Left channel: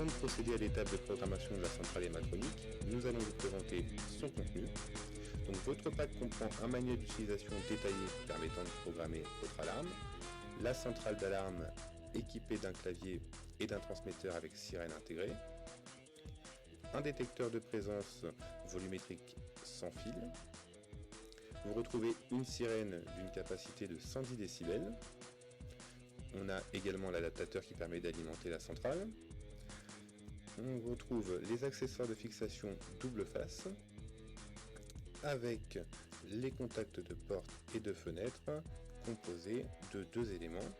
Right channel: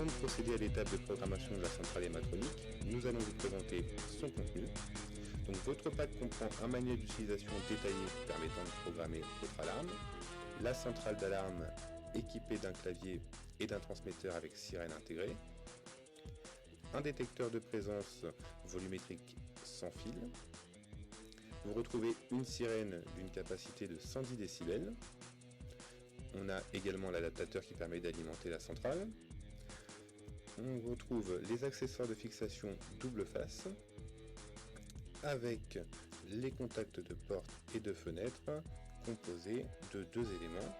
Avant de procéder à l'étape de programmation de la centrale ématronique, nous allons vous présenter son contenu. Donc votre pack comprend un manuel d'utilisation détaillé permettant de programmer votre alarme, la centrale d'alarme équipée d'un clavier et d'un transmetteur avec sirène intégrée, un détecteur de présence volumétrique sans fil. Vous retrouvez une sirène d'une capacité de 110 décibels. On a également l'adaptateur qui permet d'alimenter la centrale. On retrouve les accessoires de fixation double face avec les contacts de porte et de fenêtre composés de 2 éléments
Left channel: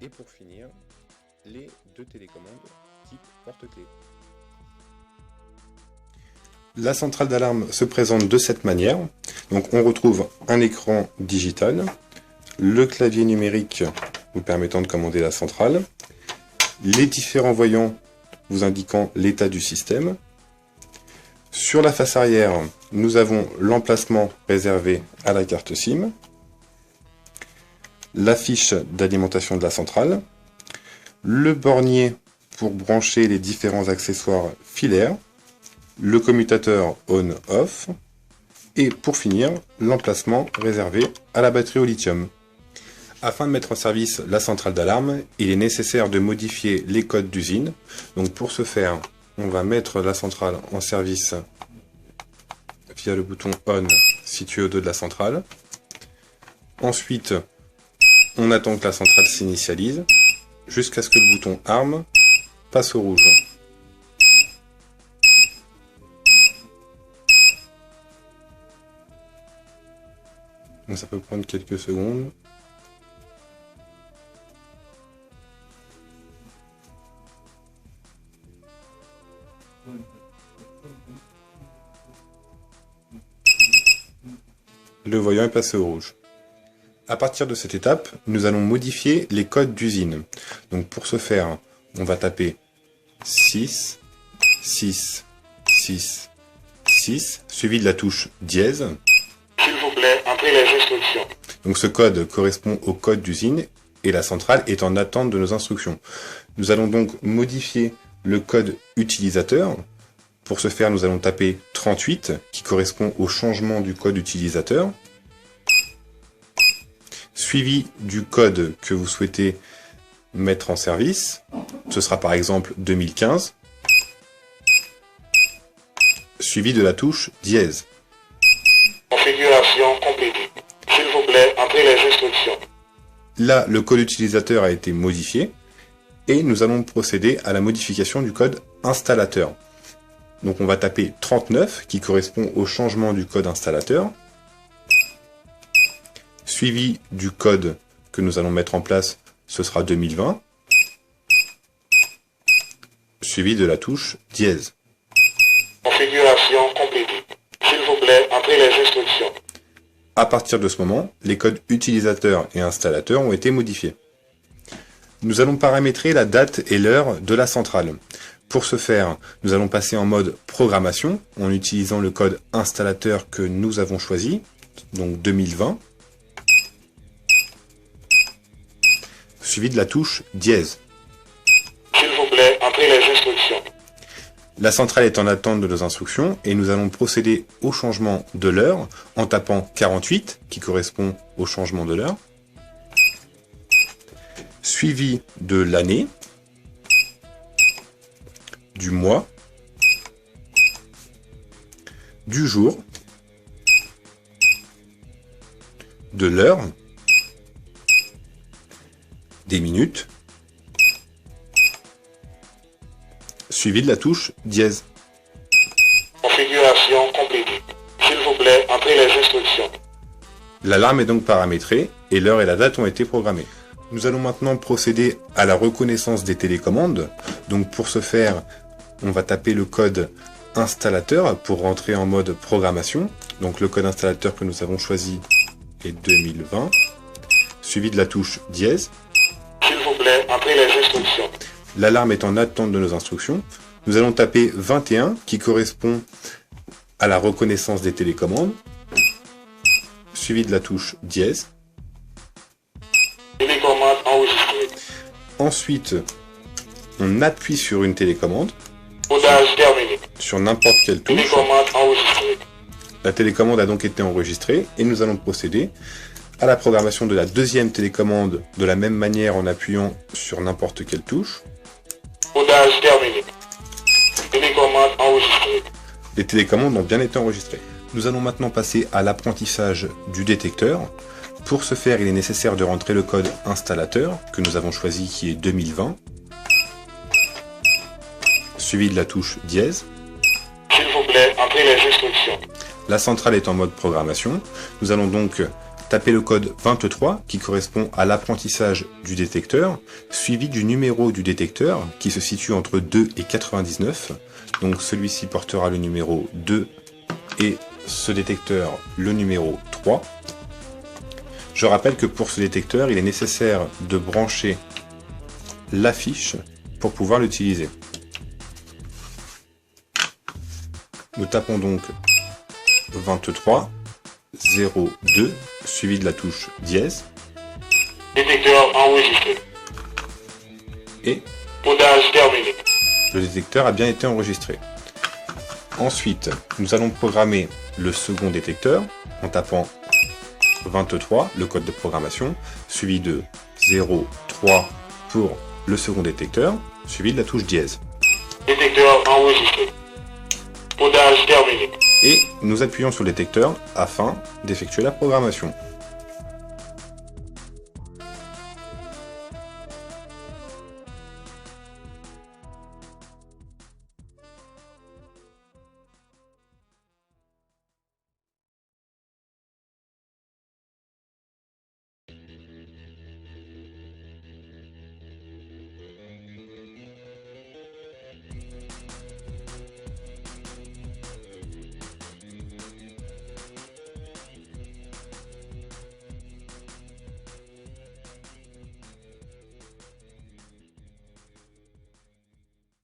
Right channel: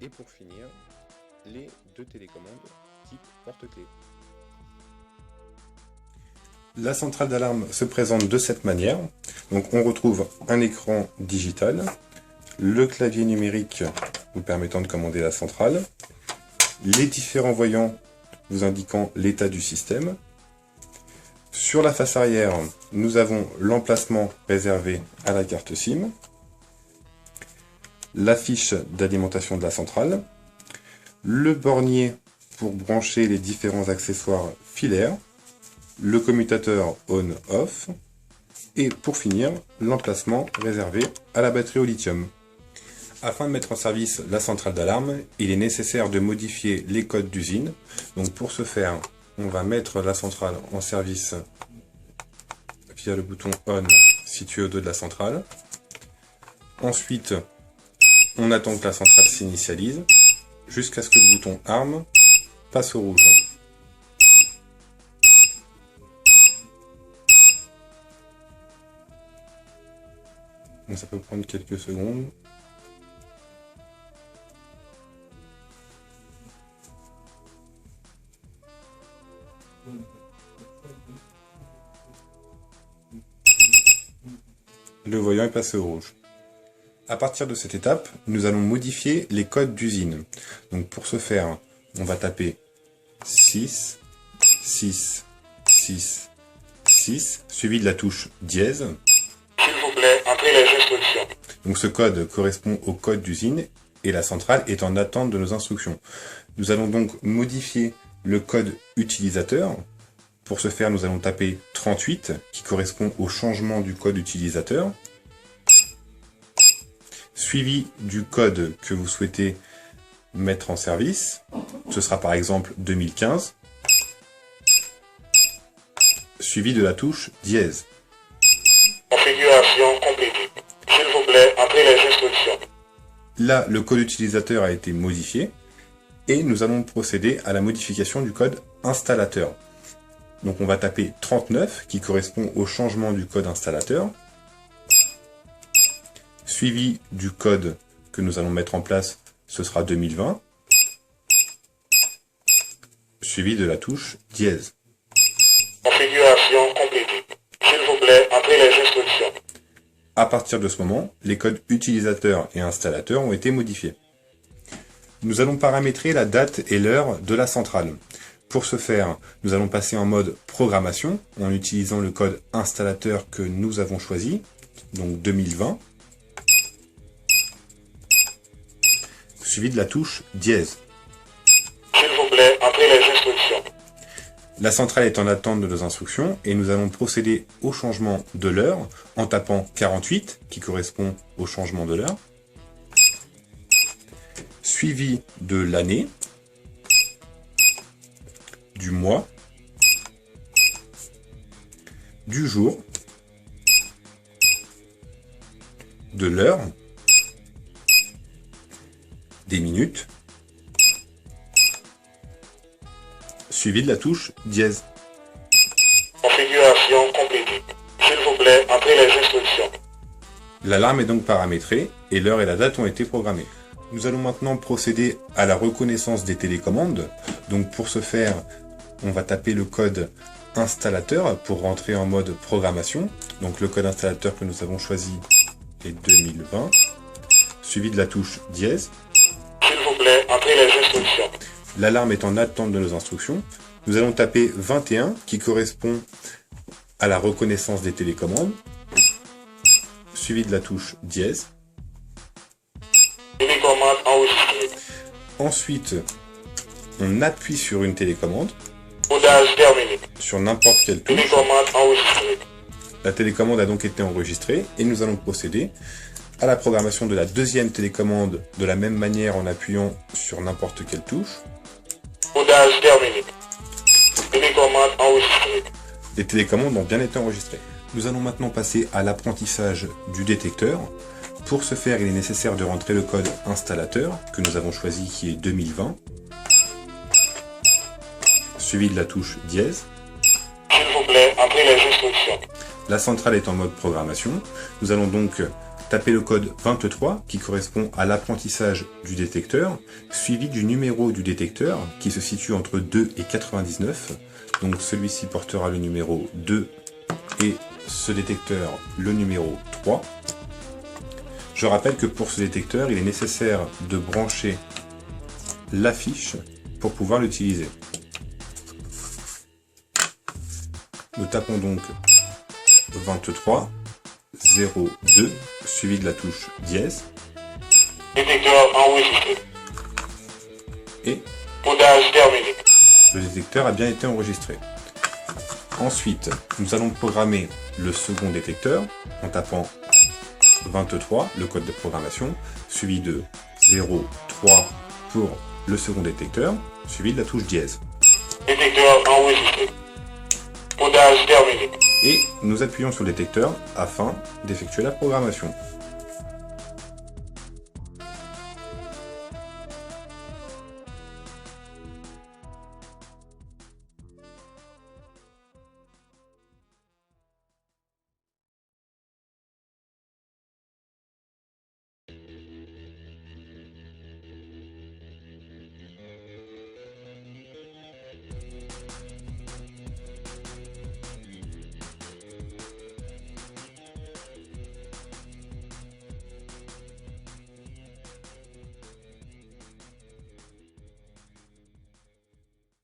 et pour finir les 2 télécommandes type porte-clés. La centrale d'alarme se présente de cette manière. Donc on retrouve un écran digital, le clavier numérique vous permettant de commander la centrale, les différents voyants vous indiquant l'état du système. Sur la face arrière, nous avons l'emplacement réservé à la carte SIM, la fiche d'alimentation de la centrale, le bornier pour brancher les différents accessoires filaires, le commutateur on-off, et pour finir, l'emplacement réservé à la batterie au lithium. Afin de mettre en service la centrale d'alarme, il est nécessaire de modifier les codes d'usine. Donc pour ce faire, on va mettre la centrale en service via le bouton ON situé au dos de la centrale. Ensuite, on attend que la centrale s'initialise jusqu'à ce que le bouton ARM passe au rouge. Donc ça peut prendre quelques secondes. Le voyant est passé au rouge. À partir de cette étape, nous allons modifier les codes d'usine. Donc pour ce faire, on va taper 6, 6, 6, 6, suivi de la touche dièse. S'il vous plaît, entrez les instructions. Donc ce code correspond au code d'usine et la centrale est en attente de nos instructions. Nous allons donc modifier le code utilisateur. Pour ce faire, nous allons taper 38 qui correspond au changement du code utilisateur, suivi du code que vous souhaitez mettre en service. Ce sera par exemple 2015, suivi de la touche dièse. Configuration complétée. S'il vous plaît, entrez les instructions. Là, le code utilisateur a été modifié et nous allons procéder à la modification du code installateur. Donc on va taper 39 qui correspond au changement du code installateur, suivi du code que nous allons mettre en place, ce sera 2020, suivi de la touche dièse. Configuration complétée. S'il vous plaît, entrez les instructions. À partir de ce moment, les codes utilisateur et installateur ont été modifiés. Nous allons paramétrer la date et l'heure de la centrale. Pour ce faire, nous allons passer en mode programmation en utilisant le code installateur que nous avons choisi, donc 2020, suivi de la touche dièse. S'il vous plaît, entrez les instructions. La centrale est en attente de nos instructions et nous allons procéder au changement de l'heure en tapant 48 qui correspond au changement de l'heure, suivi de l'année, du mois, du jour, de l'heure, des minutes, suivi de la touche dièse. Configuration complétée. S'il vous plaît, entrez les instructions. L'alarme est donc paramétrée et l'heure et la date ont été programmées. Nous allons maintenant procéder à la reconnaissance des télécommandes. Donc pour ce faire, on va taper le code installateur pour rentrer en mode programmation. Donc le code installateur que nous avons choisi est 2020, suivi de la touche dièse. S'il vous plaît, entrez les instructions. L'alarme est en attente de nos instructions. Nous allons taper 21 qui correspond à la reconnaissance des télécommandes, suivi de la touche dièse. Télécommande enregistrée. Ensuite, on appuie sur une télécommande, Codage terminé. sur n'importe quelle touche. Télécommande enregistrée. La télécommande a donc été enregistrée et nous allons procéder à la programmation de la deuxième télécommande de la même manière en appuyant sur n'importe quelle touche. Codage terminé. Télécommande enregistrée. Les télécommandes ont bien été enregistrées. Nous allons maintenant passer à l'apprentissage du détecteur. Pour ce faire, il est nécessaire de rentrer le code installateur que nous avons choisi qui est 2020, suivi de la touche dièse. S'il vous plaît, entrez les instructions. La centrale est en mode programmation. Nous allons donc taper le code 23 qui correspond à l'apprentissage du détecteur, suivi du numéro du détecteur qui se situe entre 2 et 99. Donc celui-ci portera le numéro 2 et ce détecteur le numéro 3. Je rappelle que pour ce détecteur, il est nécessaire de brancher l'affiche pour pouvoir l'utiliser. Nous tapons donc 23 02 suivi de la touche dièse Détecteur enregistré. et Codage terminé. le détecteur a bien été enregistré. Ensuite, nous allons programmer le second détecteur en tapant 23, le code de programmation, suivi de 0, 3 pour le second détecteur, suivi de la touche dièse. Détecteur enregistré. Codage terminé. Et nous appuyons sur le détecteur afin d'effectuer la programmation.